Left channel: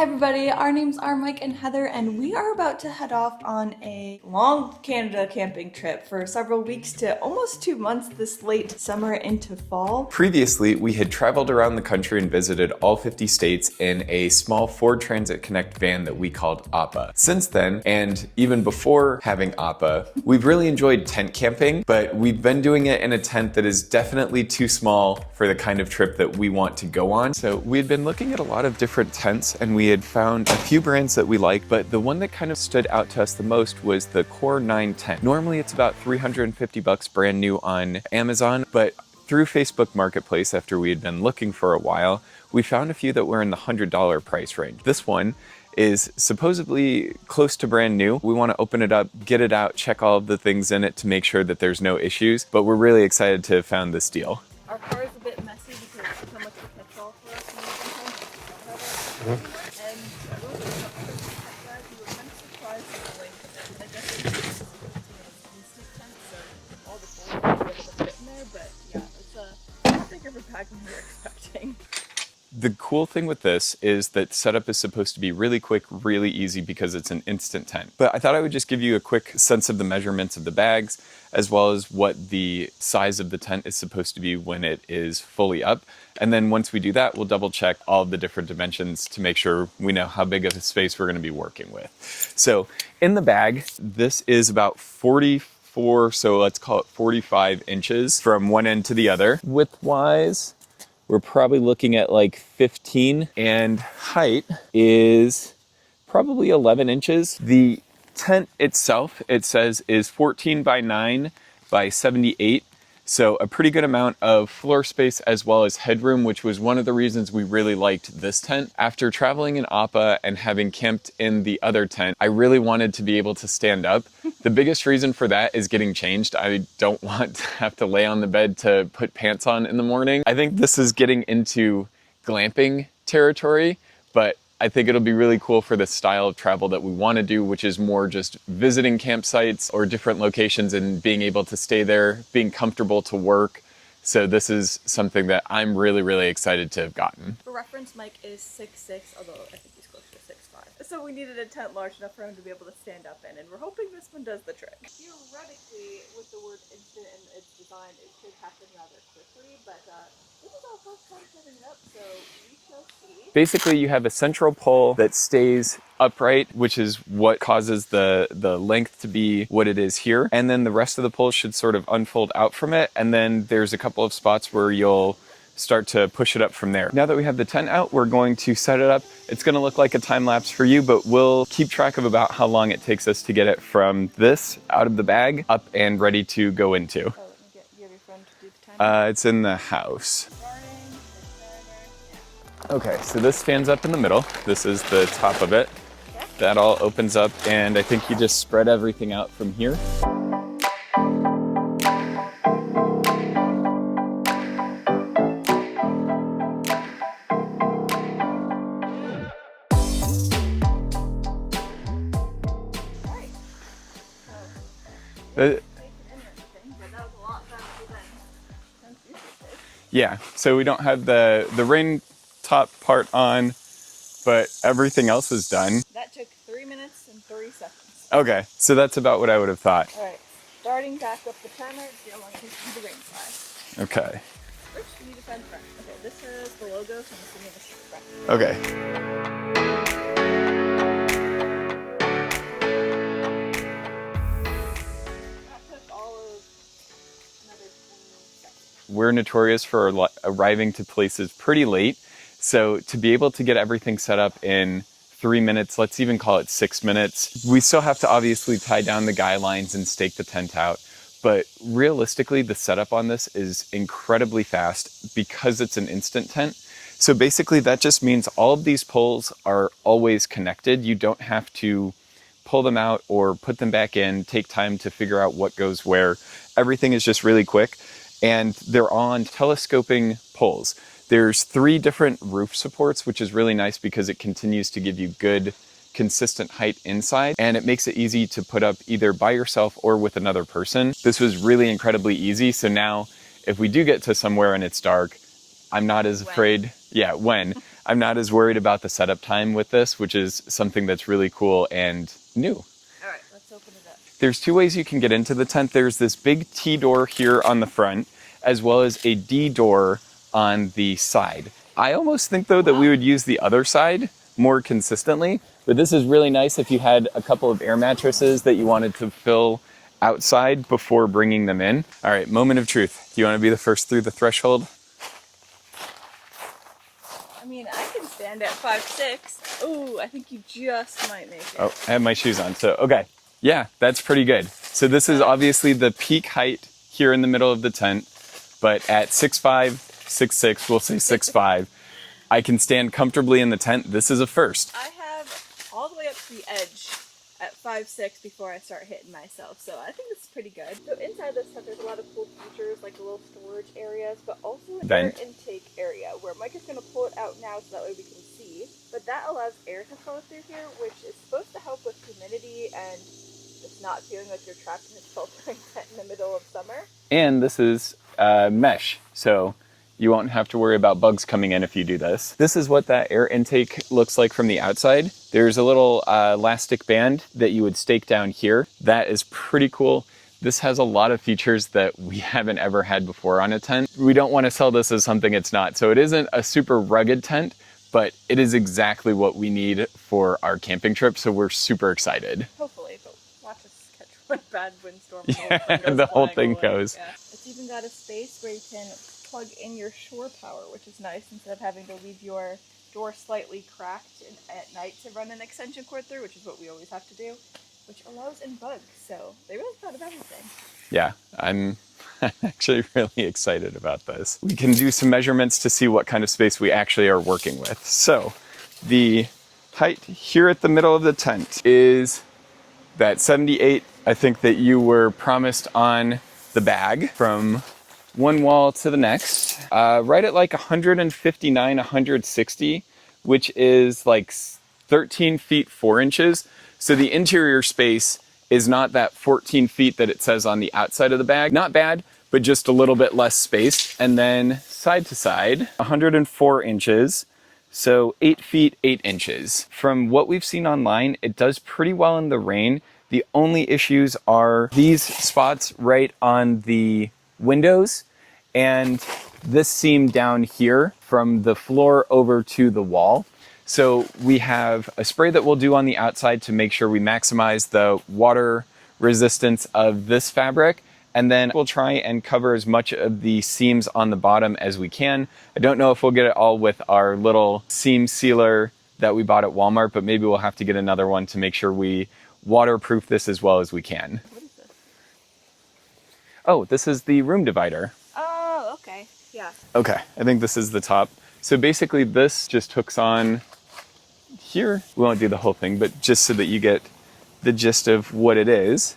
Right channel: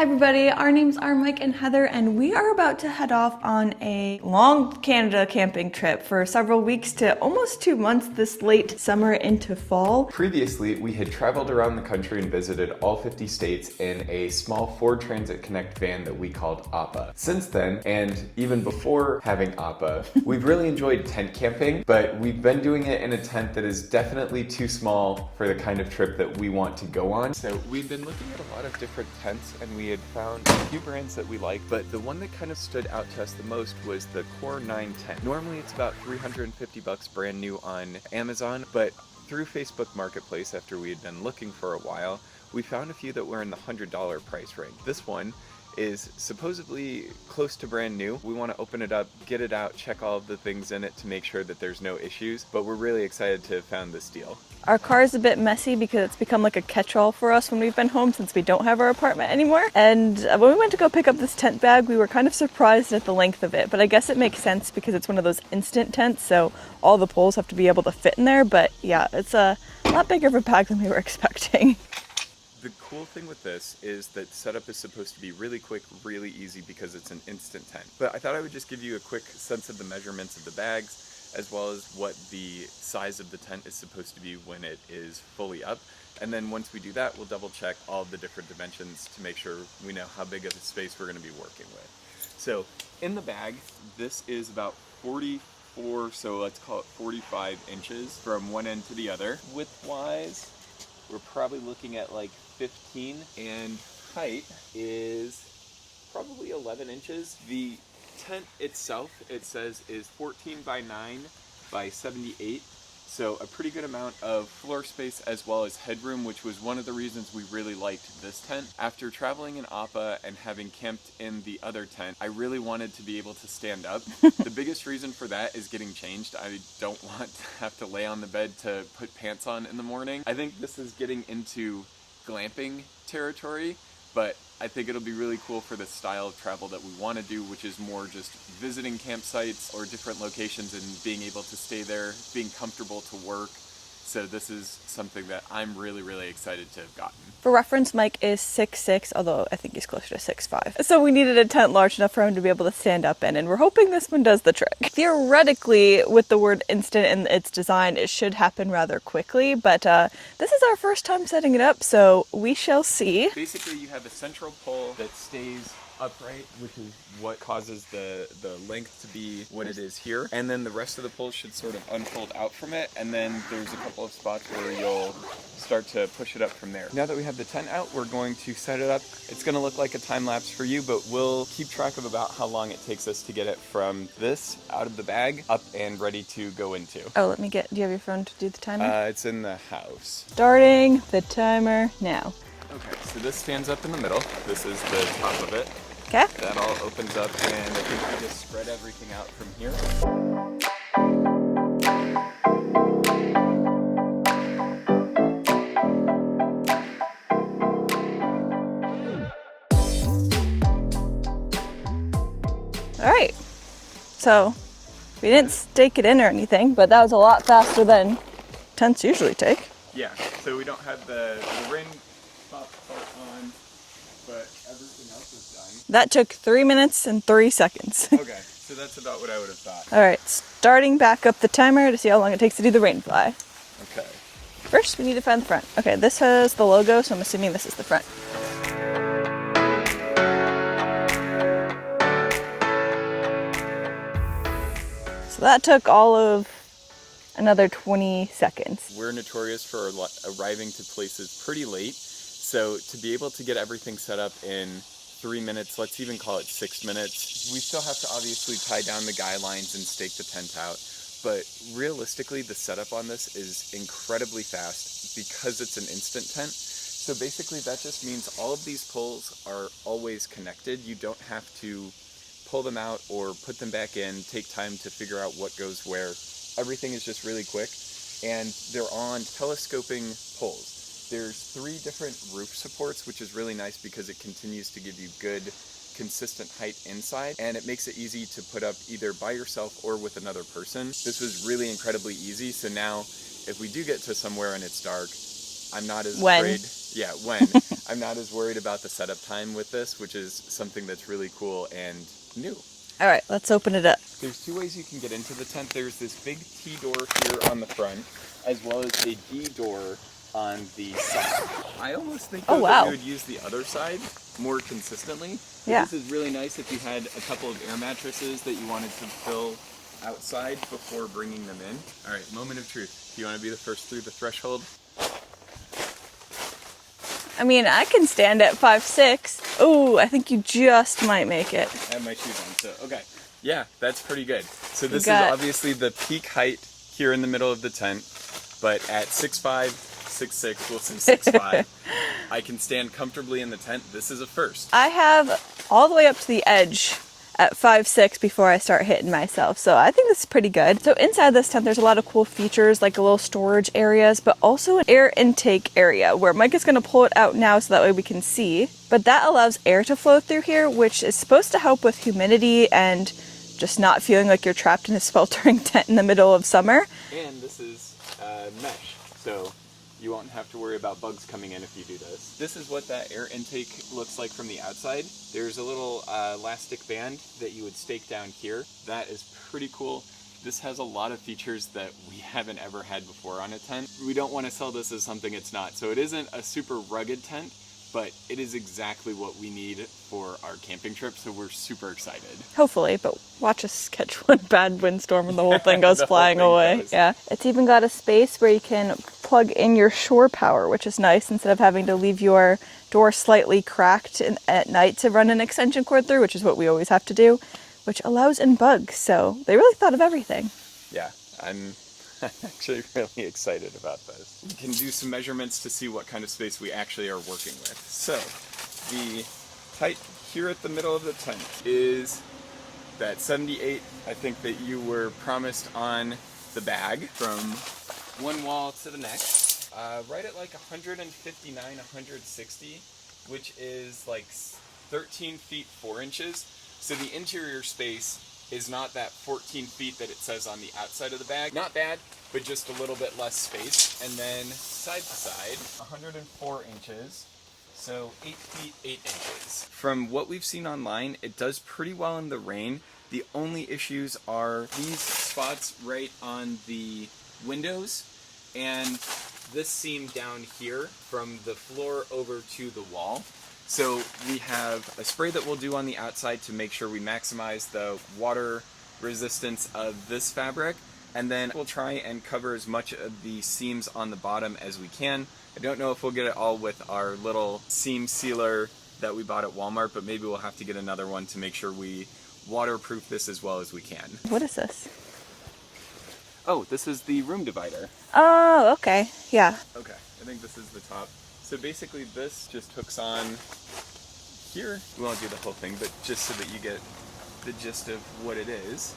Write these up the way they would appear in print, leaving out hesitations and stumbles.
Hi everybody, our names are Mike and Heather, and we are about to head off on a long Canada camping trip for several weeks to almost 2 months this late summer into fall. Previously, we had traveled around the country and visited all 50 states in a small Ford Transit Connect van that we called APA. Since then, and even before having APA, we've really enjoyed tent camping, but we've been doing it in a tent that is definitely too small for the kind of trip that we want to go on. So we had been looking at a lot of different tents, and we had found a few brands that we liked, but the one that kind of stood out to us the most was the Core 9 tent. Normally it's about $350 brand new on Amazon, but through Facebook Marketplace, after we had been looking for a while, we found a few that were in the $100 price range. This one is supposedly close to brand new. We want to open it up, get it out, check all of the things in it to make sure that there's no issues, but we're really excited to have found this deal. Our car is a bit messy because it's become like a catch-all for us when we've been home since we don't have our apartment anymore. And when we went to go pick up this tent bag, we were kind of surprised at the length of it, but I guess it makes sense because it's one of those instant tents, so all the poles have to be able to fit in there. But yeah, it's a lot bigger of a bag than we were expecting. The cool thing with this is that setup is supposed to be really quick, really easy because it's an instant tent. But I thought I would just give you a quick sense of the measurements of the bags, as well as what the size of the tent is supposed to be when it is fully up. And then once we do that, we'll double check all of the different dimensions to make sure we know how big of a space we're gonna be working with. So in the bag, this is about 44, so let's call it 45 inches from one end to the other. Width-wise, we're probably looking at like 15, and height is probably 11 inches. The tent itself, it says, is 14 by 9 by 78. So a pretty good amount of floor space as well as headroom, which was one of the reasons we really liked this tent. After traveling in APA and having camped in the other tent, I really wanted to be able to stand up. The biggest reason for that is getting changed. I don't want to have to lay on the bed to put pants on in the morning. I think this is getting into glamping territory, but I think it'll be really cool for the style of travel that we want to do, which is more just visiting campsites or different locations and being able to stay there, being comfortable to work. So this is something that I'm really, really excited to have gotten. For reference, Mike is 6'6", although I think he's closer to 6'5". So we needed a tent large enough for him to be able to stand up in, and we're hoping this one does the trick. Theoretically, with the word instant in its design, it should happen rather quickly, but this is our first time setting it up, so we shall see. Basically, you have a central pole that stays upright, which is what causes the length to be what it is here. And then the rest of the poles should sort of unfold out from it. And then there's a couple of spots where you'll start to push it up from there. Now that we have the tent out, we're going to set it up. It's gonna look like a time lapse for you, but we'll keep track of about how long it takes us to get it from this out of the bag up and ready to go into. Oh, do you have your phone to do the timer? It's in the house. Starting the timer now. Okay, so this stands up in the middle. This is the top of it. Okay. That all opens up, and I think you just spread everything out from here. All right, so we didn't stake it in or anything, but that was a lot faster than tents usually take. Yeah, so we don't have the rain top part on, but everything else is done. That took 3 minutes and 3 seconds. Okay, so that's about what I would have thought. All right, starting back up the timer to see how long it takes to do the rain fly. Okay. First, we need to find the front. Okay, this has the logo, so I'm assuming this is the front. Okay. So that took all of another 20 seconds. We're notorious for arriving to places pretty late. So to be able to get everything set up in 3 minutes, let's even call it 6 minutes, we still have to obviously tie down the guy lines and stake the tent out. But realistically, the setup on this is incredibly fast because it's an instant tent. So basically that just means all of these poles are always connected. You don't have to pull them out or put them back in, take time to figure out what goes where. Everything is just really quick, and they're on telescoping poles. There's 3 different roof supports, which is really nice because it continues to give you good, consistent height inside, and it makes it easy to put up either by yourself or with another person. This was really incredibly easy, so now if we do get to somewhere and it's dark, I'm not as When. afraid. Yeah, when. I'm not as worried about the setup time with this, which is something that's really cool and new. All right, let's open it up. There's two ways you can get into the tent. There's this big T door here on the front, as well as a D door on the side. I almost think, though, that we would use the other side more consistently. But this is really nice if you had a couple of air mattresses that you wanted to fill outside before bringing them in. All right, moment of truth. You want to be the first through the threshold? I mean, I can stand at 5'6". Oh, I think you just might make it. Oh, I have my shoes on, so okay. Yeah, that's pretty good. So this is obviously the peak height here in the middle of the tent, but at 6'5", 6'6", we'll say 6'5", I can stand comfortably in the tent. This is a first. I have all the way up to the edge at 5'6" before I start hitting myself. So I think this is pretty good. So inside this tent, there's a lot of cool features, like a little storage areas, but also an air intake area where Mike is gonna pull it out now so that way we can see. But that allows air to flow through here, which is supposed to help with humidity and just not feeling like you're trapped in a sweltering tent in the middle of summer. And this is mesh, so you won't have to worry about bugs coming in if you do this. This is what that air intake looks like from the outside. There's a little elastic band that you would stake down here. That is pretty cool. This has a lot of features that we haven't ever had before on a tent. We don't want to sell this as something it's not. So it isn't a super rugged tent, but it is exactly what we need for our camping trip. So we're super excited. Hopefully, but watch us catch one bad windstorm and the whole thing goes flying away. Yeah, it's even got a space where you can plug in your shore power, which is nice instead of having to leave your door slightly cracked at night to run an extension cord through, which is what we always have to do, which allows in bugs. So they really thought of everything. Yeah, I'm actually really excited about this. We can do some measurements to see what kind of space we actually are working with. So the height here at the middle of the tent is that 78, I think, that you were promised on the bag, from one wall to the next, right at like 159, 160, which is like 13 feet 4 inches. So the interior space is not that 14 feet that it says on the outside of the bag. Not bad, but just a little bit less space. And then side to side, 104 inches. So 8 feet 8 inches. From what we've seen online, it does pretty well in the rain. The only issues are these spots right on the windows and this seam down here from the floor over to the wall. So we have a spray that we'll do on the outside to make sure we maximize the water resistance of this fabric. And then we'll try and cover as much of the seams on the bottom as we can. I don't know if we'll get it all with our little seam sealer that we bought at Walmart, but maybe we'll have to get another one to make sure we waterproof this as well as we can. What is this? Oh, this is the room divider. Oh, okay. Yeah. Okay, I think this is the top. So basically this just hooks on here. We won't do the whole thing, but just so that you get the gist of what it is.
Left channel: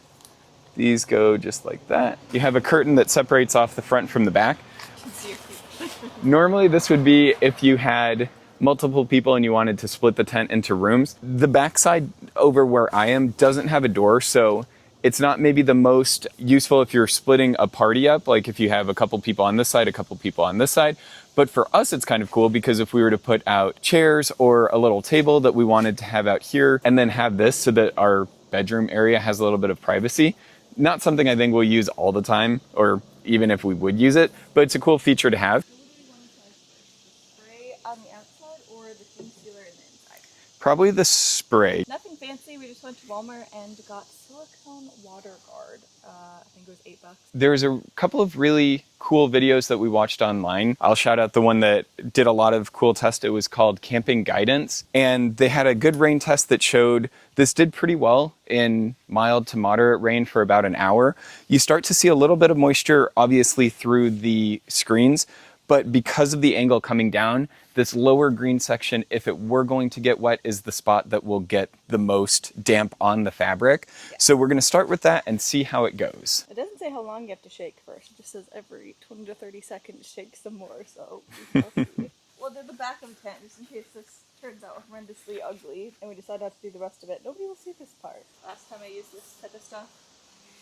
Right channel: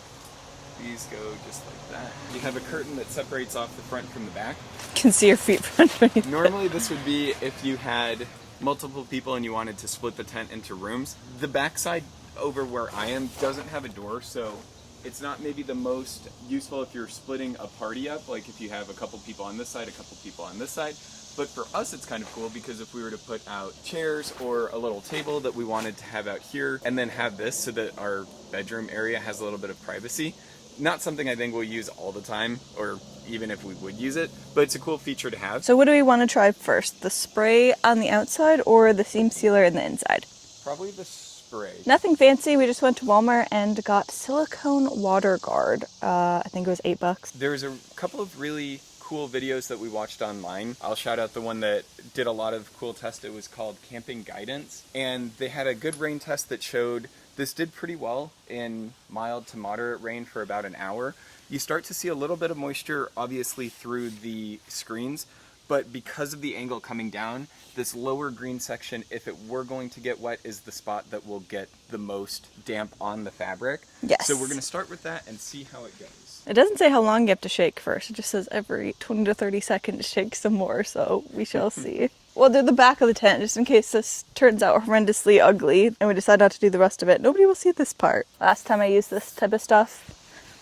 These go just like that. You have a curtain that separates off the front from the back. You can see your feet underneath. Normally this would be if you had multiple people and you wanted to split the tent into rooms. The backside over where I am doesn't have a door, so it's not maybe the most useful if you're splitting a party up, like if you have a couple people on this side, a couple people on this side. But for us, it's kind of cool because if we were to put out chairs or a little table that we wanted to have out here and then have this so that our bedroom area has a little bit of privacy, not something I think we'll use all the time, or even if we would use it, but it's a cool feature to have. So what do we want to try first? The spray on the outside or the seam sealer in the inside? Probably the spray. Nothing fancy. We just went to Walmart and got silicone water guard. I think it was $8. There's a couple of really cool videos that we watched online. I'll shout out the one that did a lot of cool tests. It was called Camping Guidance. And they had a good rain test that showed this did pretty well in mild to moderate rain for about an hour. You start to see a little bit of moisture, obviously, through the screens. But because of the angle coming down, this lower green section, if it were going to get wet, is the spot that will get the most damp on the fabric. Yes. So we're going to start with that and see how it goes. It doesn't say how long you have to shake first. It just says every 20 to 30 seconds shake some more, so we shall see. We'll do the back of the tent just in case this turns out horrendously ugly and we decide not to do the rest of it. Nobody will see this part. Last time I used this type of stuff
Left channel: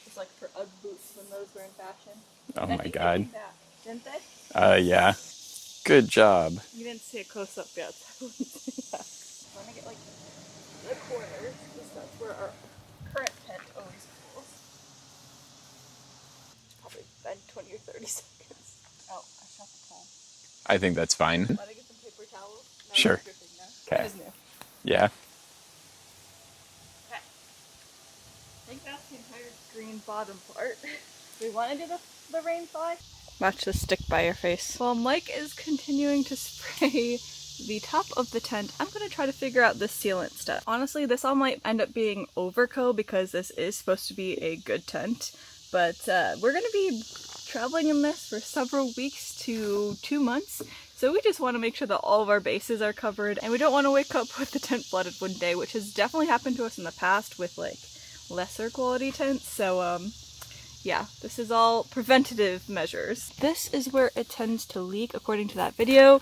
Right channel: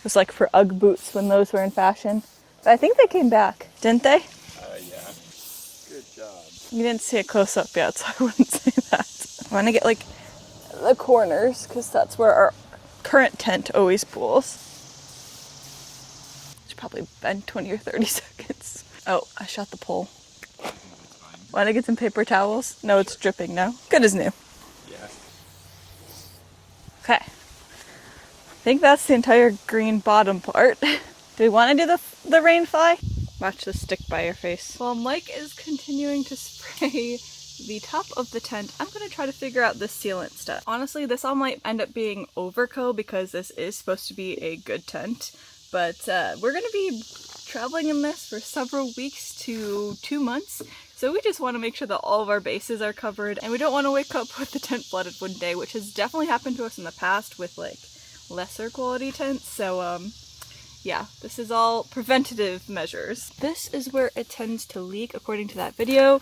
was like for Ugg boots when those were in fashion. Oh I think my they God. came back, didn't they? Yeah. Good job. You didn't see it close up yet, so I wouldn't say that. I want to get like the corners because that's where our current tent always pools. Should probably bend 20 or 30 seconds. Oh, I shot the pole. I think that's fine. Want to get some paper towels? No, Sure. it's dripping now. Good as new. Yeah. Okay. I think that's the entire green bottom part. Do we want to do the rain fly? Watch this stick by your face. While Mike is continuing to spray the top of the tent, I'm going to try to figure out this sealant stuff. Honestly, this all might end up being overkill because this is supposed to be a good tent, but we're going to be traveling in this for several weeks to 2 months, so we just want to make sure that all of our bases are covered, and we don't want to wake up with the tent flooded one day, which has definitely happened to us in the past with like lesser quality tents. So yeah, this is all preventative measures. This is where it tends to leak according to that video,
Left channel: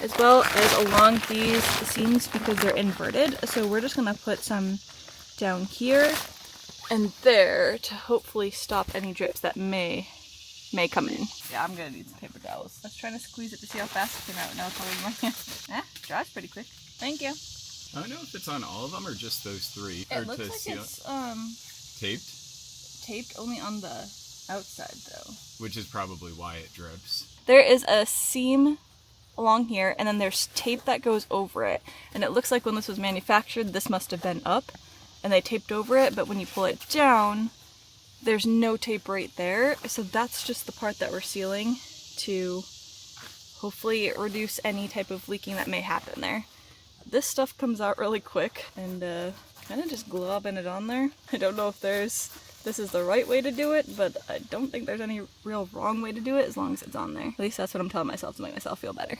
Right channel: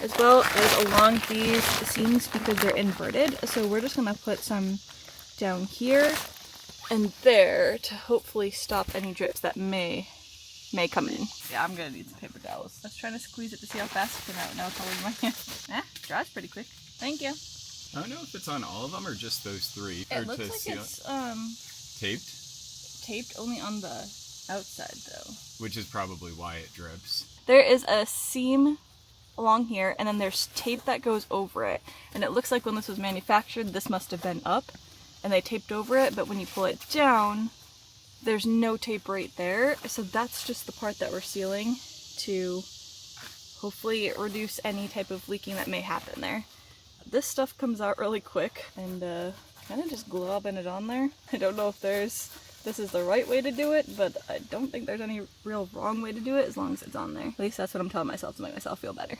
as well as along these seams because they're inverted. So we're just gonna put some down here and there to hopefully stop any drips that may come in. Yeah, I'm gonna need some paper towels. I was trying to squeeze it to see how fast it came out. Now it's all in my hand. Dries pretty quick. Thank you. I don't know if it's on all of them or just those 3. It looks like it's taped, taped only on the outside though. which is probably why it drips. There is a seam along here and then there's tape that goes over it. And it looks like when this was manufactured, this must have been up and they taped over it, but when you pull it down, there's no tape right there. So that's just the part that we're sealing to hopefully reduce any type of leaking that may happen there. This stuff comes out really quick and kind of just globbing it on there. I don't know if this is the right way to do it, but I don't think there's any real wrong way to do it as long as it's on there. At least that's what I'm telling myself to make myself feel better.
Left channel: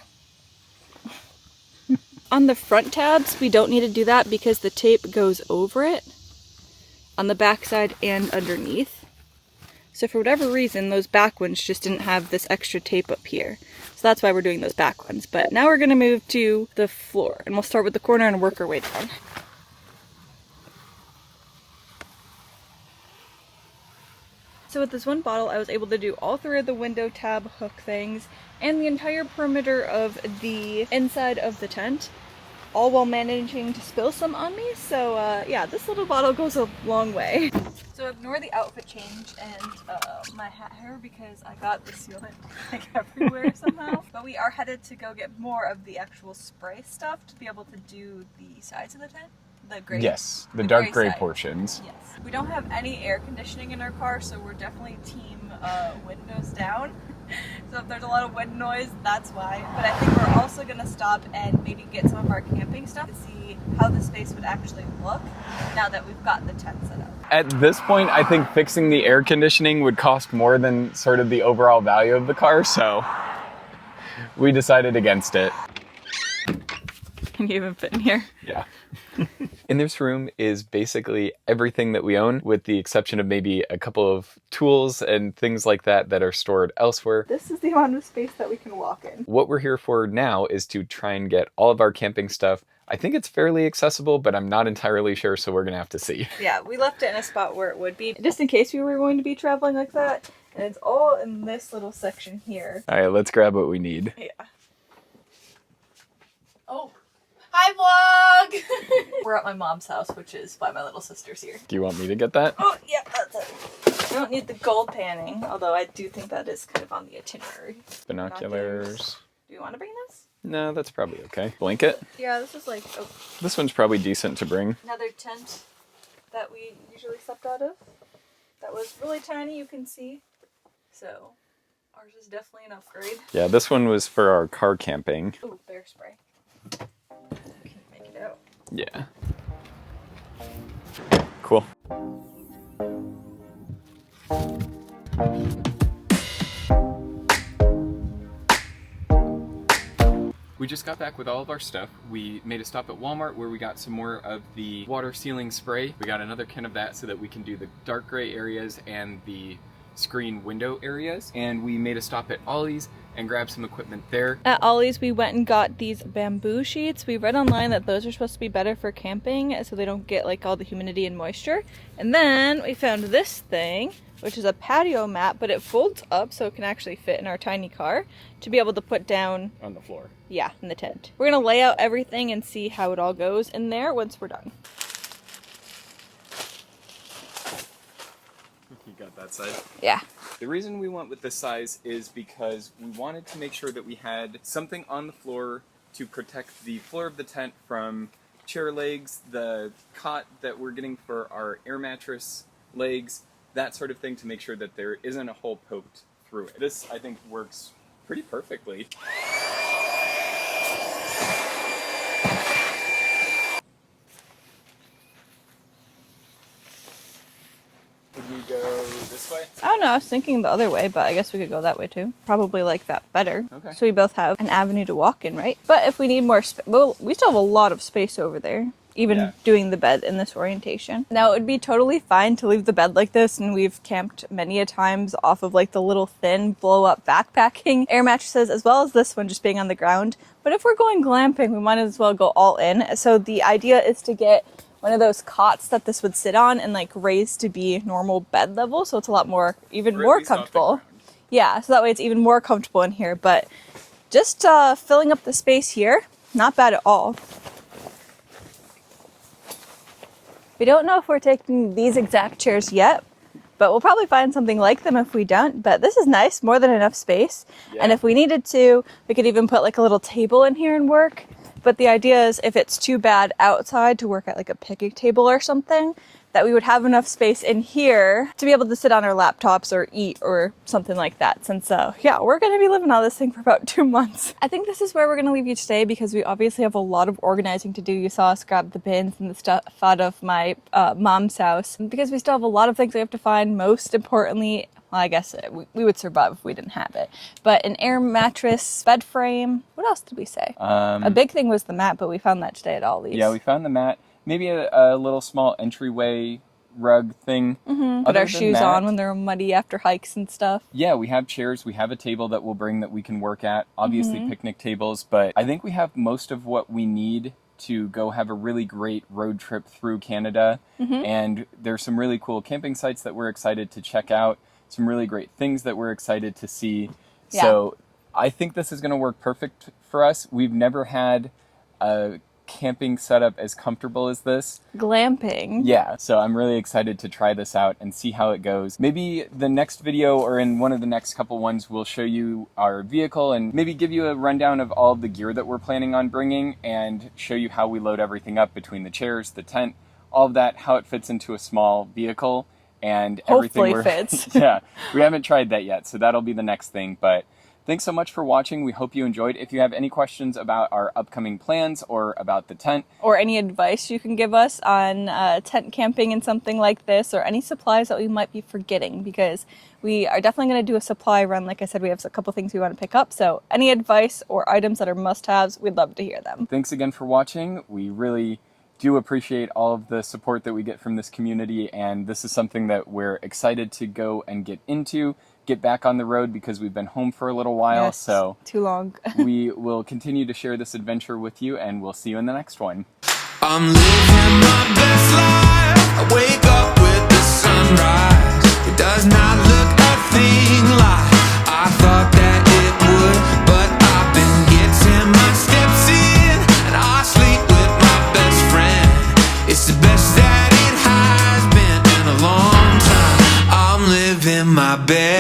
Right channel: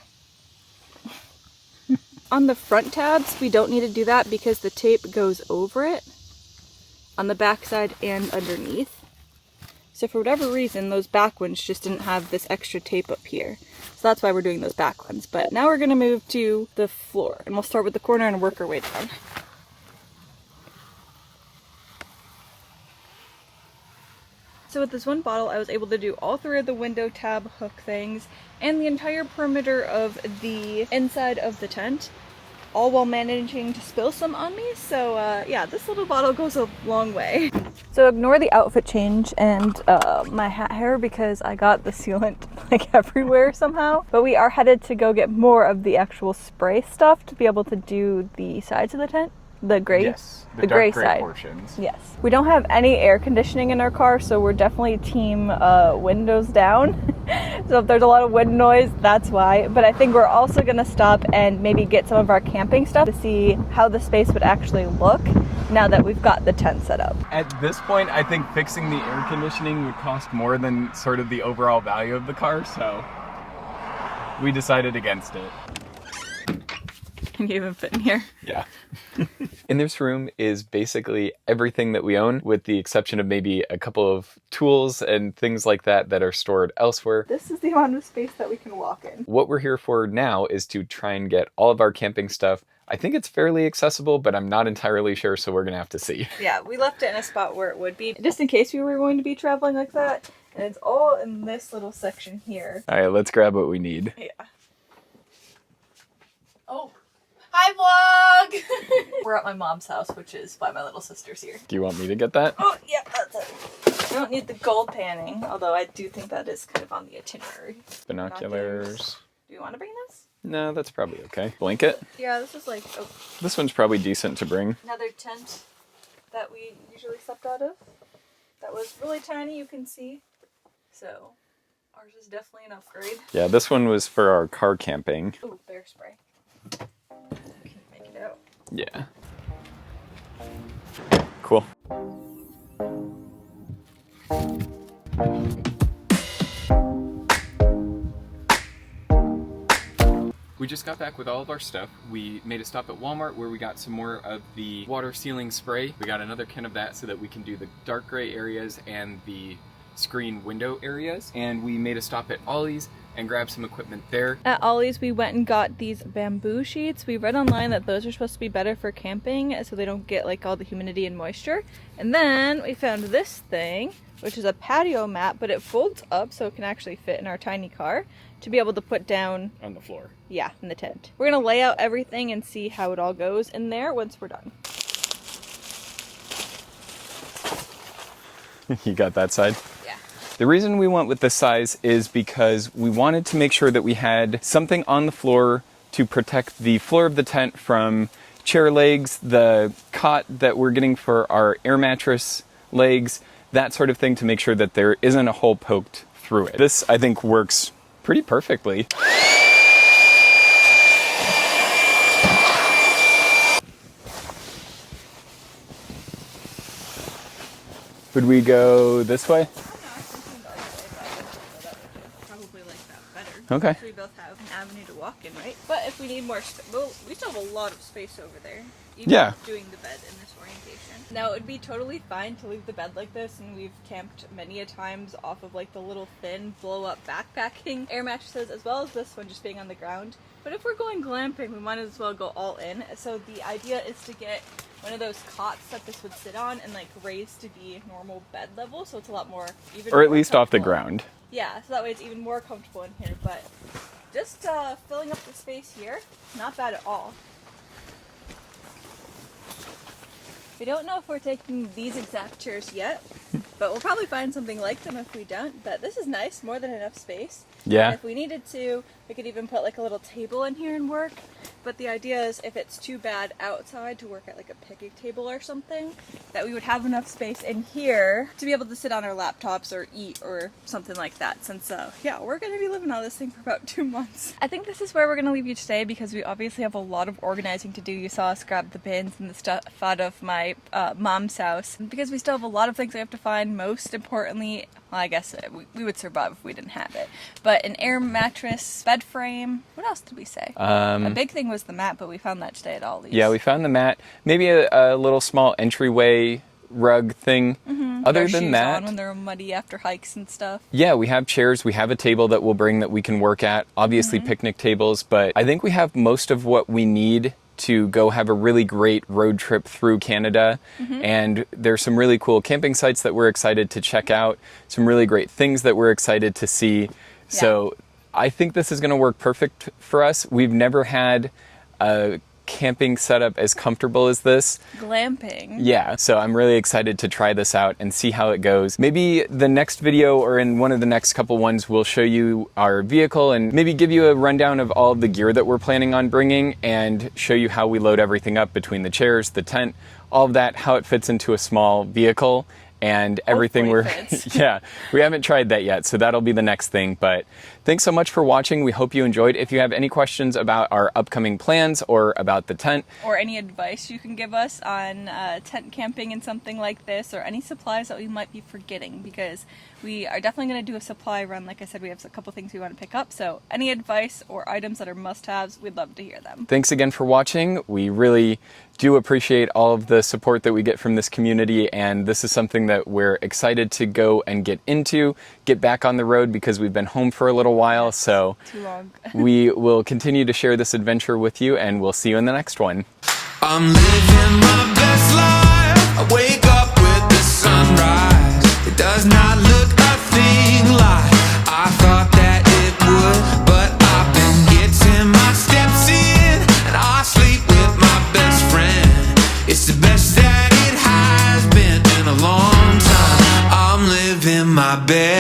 On the front tabs, we don't need to do that because the tape goes over it on the back side and underneath. So for whatever reason, those back ones just didn't have this extra tape up here. So that's why we're doing those back ones. But now we're going to move to the floor and we'll start with the corner and work our way down. So with this one bottle, I was able to do all 3 of the window tab hook things and the entire perimeter of the inside of the tent, all while managing to spill some on me. So yeah, this little bottle goes a long way. So ignore the outfit change and my hat hair because I got the sealant like everywhere somehow. But we are headed to go get more of the actual spray stuff to be able to do the sides of the tent. The gray? Yes, the dark gray side. portions. Yes. We don't have any air conditioning in our car, so we're definitely team windows down. So if there's a lot of wind noise, that's why. But I think we're also going to stop and maybe get some of our camping stuff to see how the space would actually look now that we've got the tent set up. At this point, I think fixing the air conditioning would cost more than sort of the overall value of the car, so we decided against it. Can you even fit in here? Yeah. In this room is basically everything that we own, with the exception of maybe a couple of tools and things like that that are stored elsewhere. This is the amount of space that we can walk in. What we're here for now is to try and get all of our camping stuff. I think it's fairly accessible, but I'm not entirely sure, so we're gonna have to see. Yeah, we left it in a spot where it would be, just in case we were going to be traveling like that. And it's all in this little section here. All right, let's grab what we need. Yeah. Oh. Hi, vlog! We're at my mom's house, which is why my little sister's here. Do you want me to get that? Oh, yeah, that's it. I don't need the gold panning, although I do think that is kind of on the itinerary. Binoculars. Do you want to bring this? No, that's probably okay. Blanket? Yeah, this is like This one's probably decent to bring. another tent that we usually slept out of. That was really tiny, you can see. So, ours is definitely an upgrade. Yeah, this one was for our car camping. Ooh, bear spray. Can you make it out? Yeah. Cool. We just got back with all of our stuff. We made a stop at Walmart where we got some more of the water sealing spray. We got another can of that so that we can do the dark gray areas and the screen window areas, and we made a stop at Ollie's and grabbed some equipment there. At Ollie's, we went and got these bamboo sheets. We read online that those are supposed to be better for camping so they don't get like all the humidity and moisture. And then we found this thing, which is a patio mat, but it folds up so it can actually fit in our tiny car to be able to put down On the floor. Yeah, in the tent. We're gonna lay out everything and see how it all goes in there once we're done. You got that side? Yeah. The reason we went with this size is because we wanted to make sure that we had something on the floor to protect the floor of the tent from chair legs, the cot that we're getting for our air mattress legs, that sort of thing, to make sure that there isn't a hole poked through it. This, I think, works pretty perfectly. Would we go this way? I don't know, I was thinking the other way, but I guess we could go that way too. Probably like that better. Okay. So we both have an avenue to walk in, right? But if we need more space, well, we still have a lot of space over there. Even doing the bed in this orientation. Now, it would be totally fine to leave the bed like this, and we've camped many a times off of like the little thin blow-up backpacking air mattresses, as well as this one just being on the ground. But if we're going glamping, we might as well go all in. So the idea is to get one of those cots that this would sit on and like raise to be normal bed level, so it's a lot more, even more comfortable. Or at least off the ground. Yeah, so that way it's even more comfortable in here. But just filling up the space here, not bad at all. We don't know if we're taking these exact chairs yet, but we'll probably find something like them if we don't. But this is nice, more than enough space. Yeah. And if we needed to, we could even put like a little table in here and work. But the idea is if it's too bad outside to work at like a picnic table or something, that we would have enough space in here to be able to sit on our laptops or eat or something like that. Since, yeah, we're going to be living on this thing for about 2 months. I think this is where we're going to leave you today because we obviously have a lot of organizing to do. You saw us grab the bins and the stuff out of my mom's house. Because we still have a lot of things we have to find. Most importantly, well, I guess we would survive if we didn't have it. But an air mattress, bed frame. What else did we say? A big thing was the mat, but we found that today at Ollie's. Yeah, we found the mat. Maybe a little small entryway rug thing. Put our shoes on when they're muddy after hikes and stuff. Yeah, we have chairs. We have a table that we'll bring that we can work at. Obviously picnic tables, but I think we have most of what we need to go have a really great road trip through Canada. And there's some really cool camping sites that we're excited to check out, some really great things that we're excited to see. Yeah. So I think this is going to work perfect for us. We've never had a camping setup as comfortable as this. Glamping. Yeah, so I'm really excited to try this out and see how it goes. Maybe the next video or in one of the next couple ones we'll show you our vehicle and maybe give you a rundown of all the gear that we're planning on bringing and show you how we load everything up between the chairs, the tent, all of that, how it fits into a small vehicle and everything. Fits. Yeah, we haven't tried that yet, so that'll be the next thing. But thanks so much for watching. We hope you enjoyed. If you have any questions about our upcoming plans or about the tent, or any advice you can give us on tent camping and something like this, or any supplies that we might be forgetting, because we are definitely going to do a supply run. Like I said, we have a couple things we want to pick up, so any advice or items that are must-haves, we'd love to hear them. Thanks again for watching. We really do appreciate all of the support that we get from this community, and this is something that we're excited to go and get into, get back on the road, because we've been home for a little while. Yes, so too long. We will continue to share this adventure with you, and we'll see you in the next one. I'm living my best life. I wake up with the sunrise. It does not look a thing like I thought that it would, but I've been getting my steps in, and I sleep with my best friend. It's the best that it has been in a long time. I'm living my best